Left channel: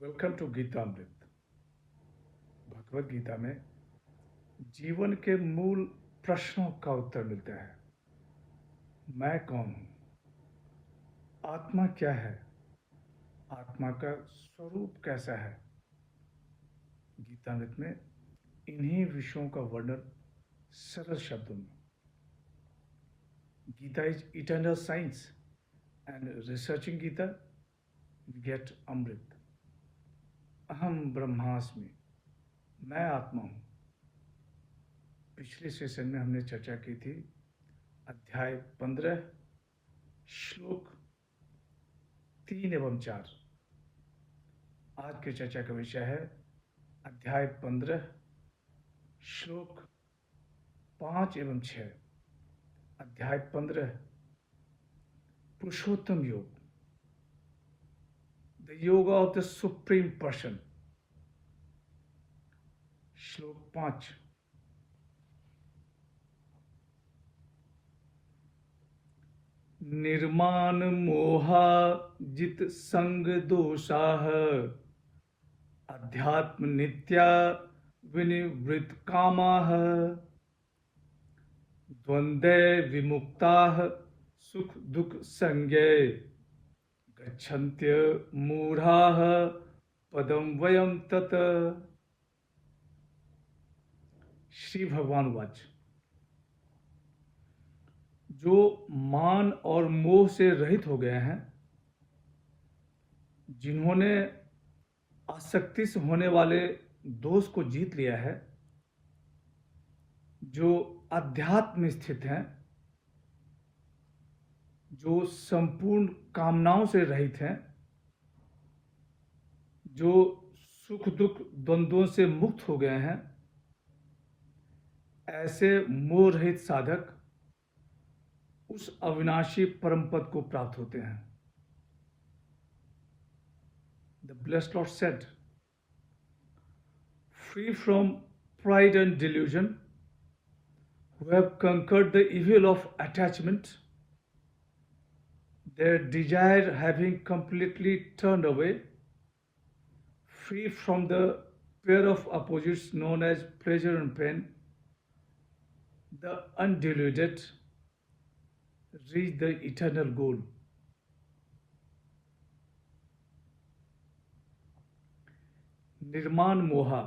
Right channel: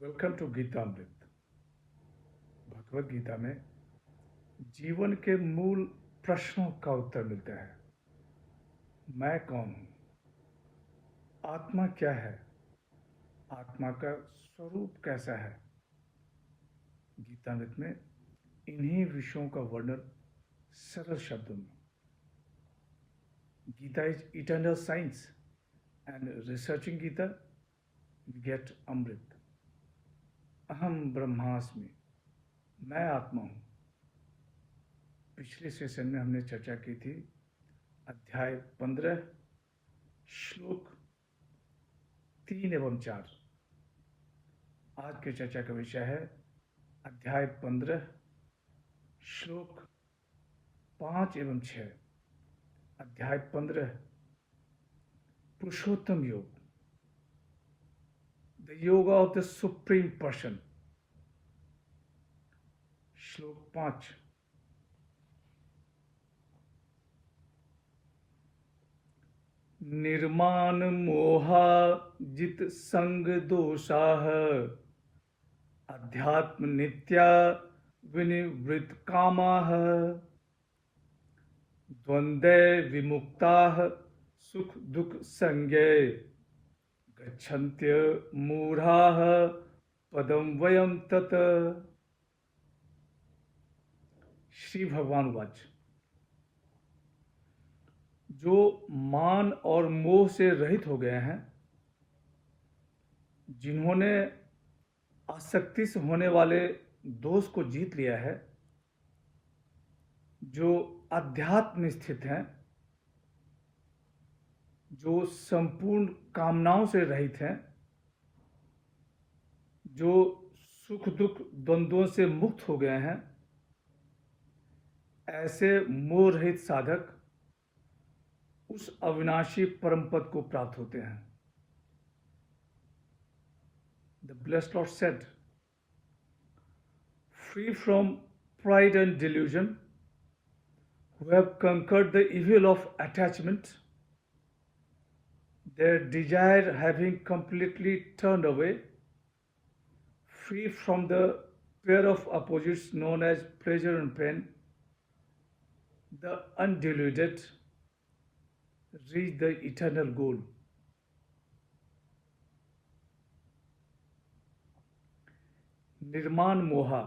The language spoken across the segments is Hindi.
Welcome to Geetamrit. भगवत गीता में जीवन के मूल प्रश्नों का उत्तर मिलता है। मैं कौन हूँ? आत्मा क्या है? आत्मा का स्वरूप कैसा है? गीतामृत में इन्हीं विषयों का वर्णन सरल शब्दों में। Gita is eternal science and researching Gita we get amrit. अहम ब्रह्मास्मि, मैं आत्मा हूँ। पिछले सेशन में हमने चर्चा की थी अध्याय 15 श्लोक 3 एवं 4। आज की चर्चा का विषय है अध्याय 15 श्लोक 5 एवं 6। अध्याय 15 पुरुषोत्तम योग, द योग ऑफ द सुप्रीम पर्सन। श्लोक 5, निर्माण मोहा जित संग दोषाः अध्यात्म नित्या विनिवृत कामाः द्वंद्वे विमुक्ताः सुख दुख संज्ञे गच्छन्त्य मूढ़ाः पदम वयम तत्। श्री भगवान वाच, जो मान और मोह से रहित हो गए हैं, जिन्होंने आसक्ति से होने वाले दोष को जीत लिया है, जो अध्यात्म में स्थित हैं, जो संपूर्ण कामनाओं से रहित हैं, जो सुख दुख द्वंद्वों से मुक्त हो गए हैं, ऐसे मोह रहित साधक उस अविनाशी परम पद को प्राप्त होते हैं। The blessed Lord said, free from pride and delusion, who have conquered the evil of attachment, their desire having completely turned away, free from the pair of opposites known as pleasure and pain, the undeluded reach the eternal goal. निर्माण मोहा,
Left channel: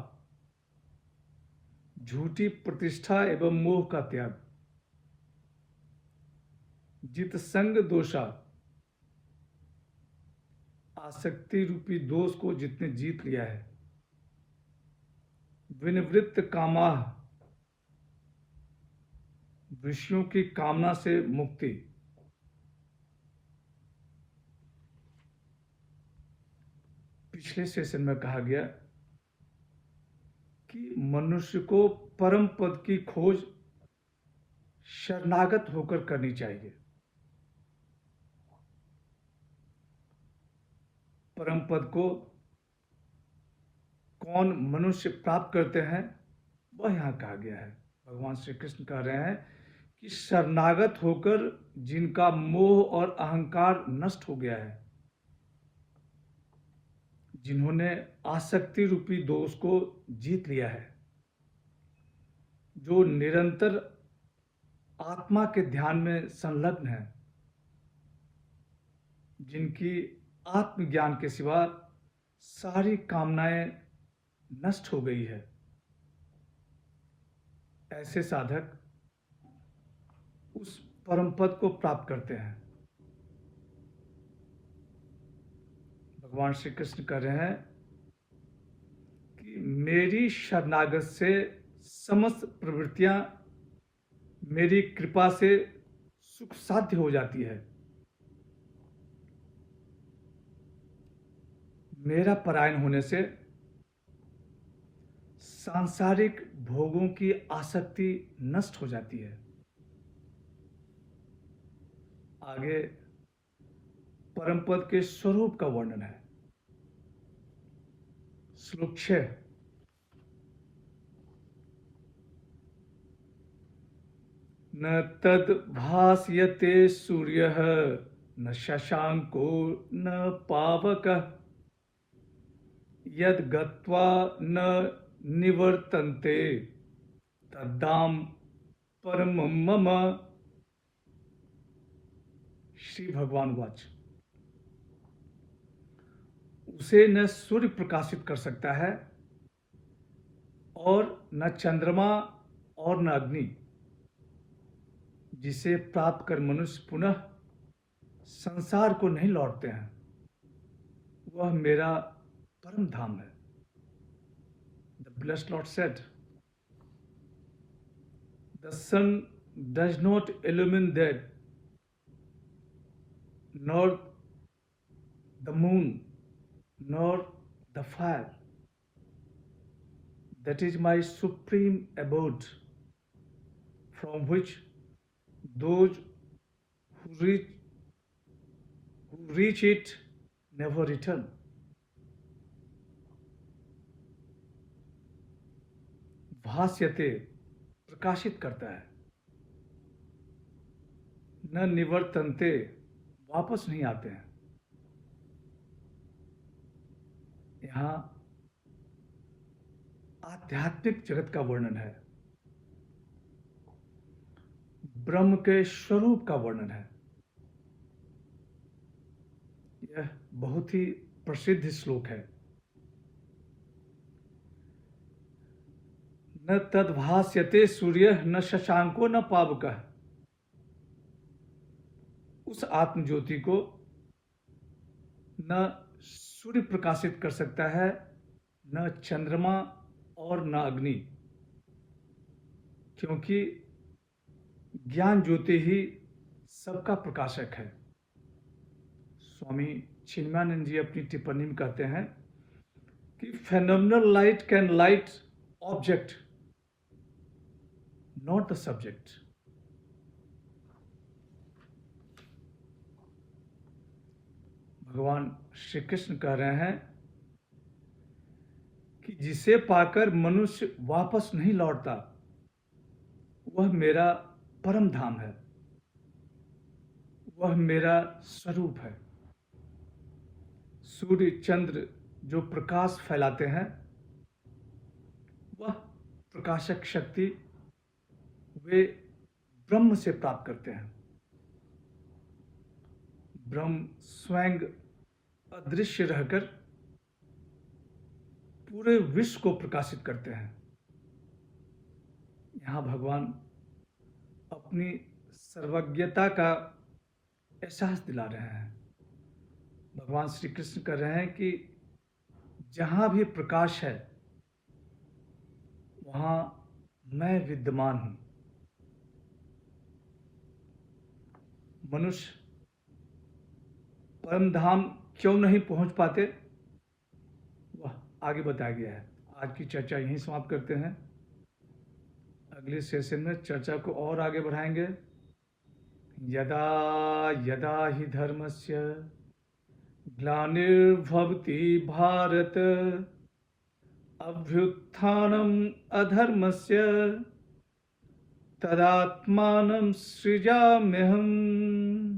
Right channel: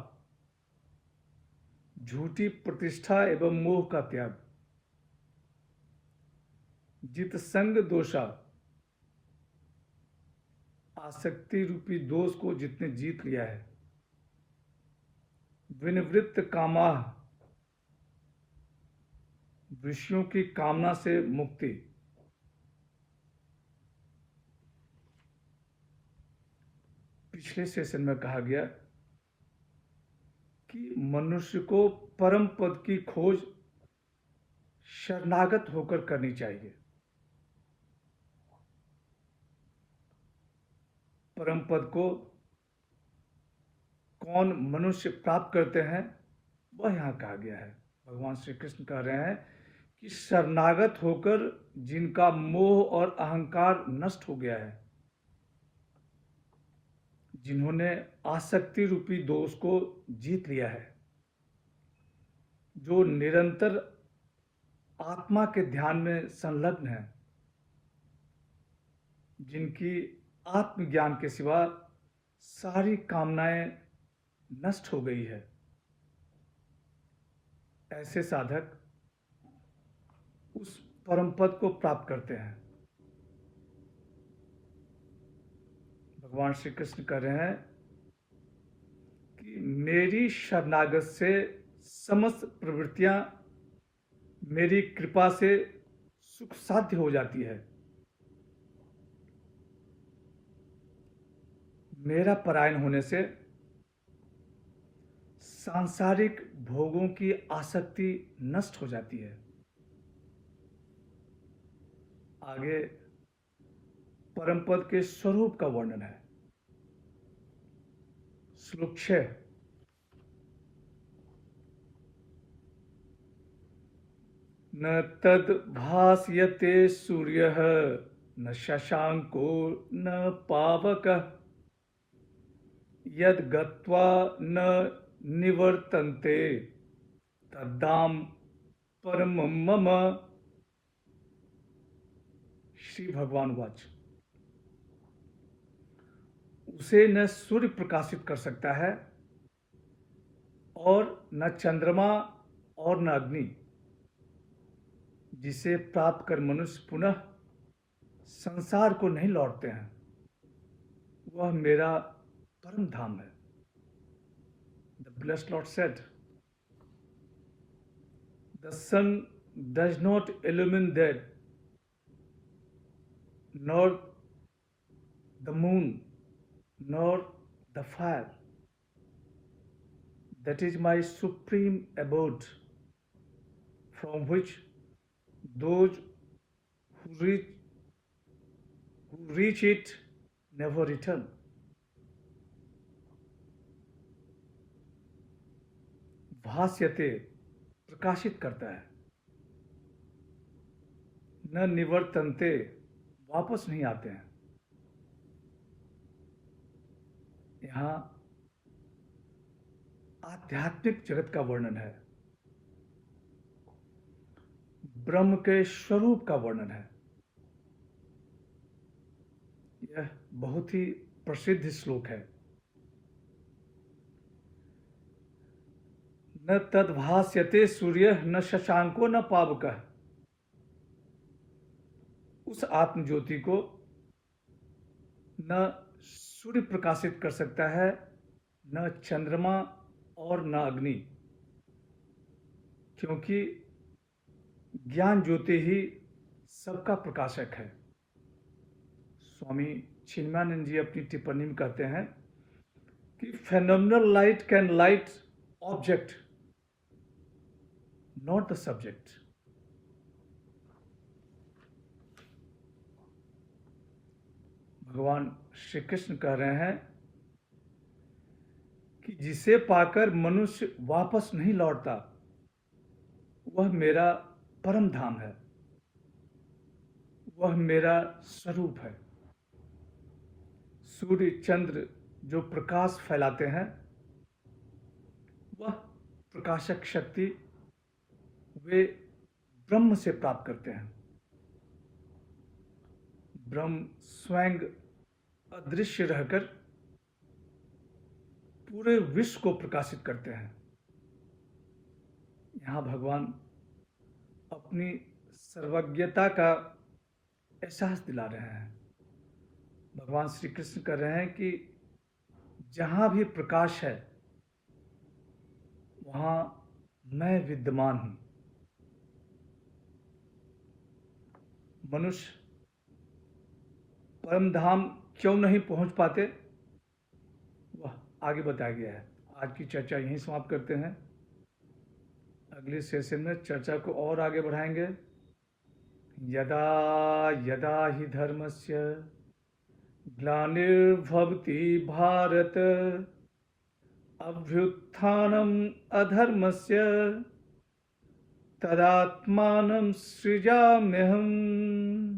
झूठी प्रतिष्ठा एवं मोह का त्याग। जित संग दोषा, आसक्ति रूपी दोष को जितने जीत लिया है। विनिवृत्त कामाः, विषयों की कामना से मुक्ति। पिछले सेशन में कहा गया कि मनुष्य को परम पद की खोज शरणागत होकर करनी चाहिए। परम पद को कौन मनुष्य प्राप्त करते हैं, वह यहाँ कहा गया है। भगवान श्री कृष्ण कह रहे हैं कि शरणागत होकर जिनका मोह और अहंकार नष्ट हो गया है, जिन्होंने आसक्ति रूपी दोष को जीत लिया है, जो निरंतर आत्मा के ध्यान में संलग्न है, जिनकी आत्मज्ञान के सिवा सारी कामनाएं नष्ट हो गई है, ऐसे साधक उस परम पद को प्राप्त करते हैं। भगवान श्री कृष्ण कह रहे हैं कि मेरी शरणागत से समस्त प्रवृत्तियां मेरी कृपा से सुख साध्य हो जाती है। मेरा परायण होने से सांसारिक भोगों की आसक्ति नष्ट हो जाती है। आगे परम पद के स्वरूप का वर्णन है। श्लोक 6, न तद भास्यते सूर्यः न शशांको न पावकः यद गत्वा न निवर्तन्ते तद्धाम परमं मम। श्री भगवान वाच। उसे न सूर्य प्रकाशित कर सकता है और न चंद्रमा और न अग्नि, जिसे प्राप्त कर मनुष्य पुनः संसार को नहीं लौटते हैं। वह मेरा परम धाम है। The blessed Lord said, "The sun does not illumine that, nor the moon, nor the fire. That is my supreme abode, from which those who reach it never return." भास्यते, प्रकाशित करता है, न निवर्तन्ते, वापस नहीं आते हैं। यहाँ आध्यात्मिक जगत का वर्णन है, ब्रह्म के स्वरूप का वर्णन है। यह बहुत ही प्रसिद्ध श्लोक है। न तद्भास्यते सूर्य न शशांको न पावकः। उस आत्मज्योति को न सूर्य प्रकाशित कर सकता है, न चंद्रमा और न अग्नि, क्योंकि ज्ञान ज्योति ही सबका प्रकाशक है। स्वामी चिन्मयानंद जी अपनी टिप्पणी में कहते हैं कि phenomenal light can light object, not the subject. भगवान श्री कृष्ण कह रहे हैं कि जिसे पाकर मनुष्य वापस नहीं लौटता, वह मेरा परम धाम है, वह मेरा स्वरूप है। सूर्य चंद्र जो प्रकाश फैलाते हैं, वह प्रकाशक शक्ति वे ब्रह्म से प्राप्त करते हैं। ब्रह्म स्वयं अदृश्य रहकर पूरे विश्व को प्रकाशित करते हैं। यहाँ भगवान अपनी सर्वज्ञता का एहसास दिला रहे हैं। भगवान श्री कृष्ण कह रहे हैं कि जहाँ भी प्रकाश है, वहाँ मैं विद्यमान हूँ। मनुष्य परम धाम क्यों नहीं पहुँच पाते, वह आगे बताया गया है। आज की चर्चा यहीं समाप्त करते हैं। अगले सेशन में चर्चा को और आगे बढ़ाएंगे। यदा यदा हि धर्मस्य ग्लानिर्भवति भारत, अभ्युत्थानम् अधर्मस्य तदात्मानं सृजाम्यहम्।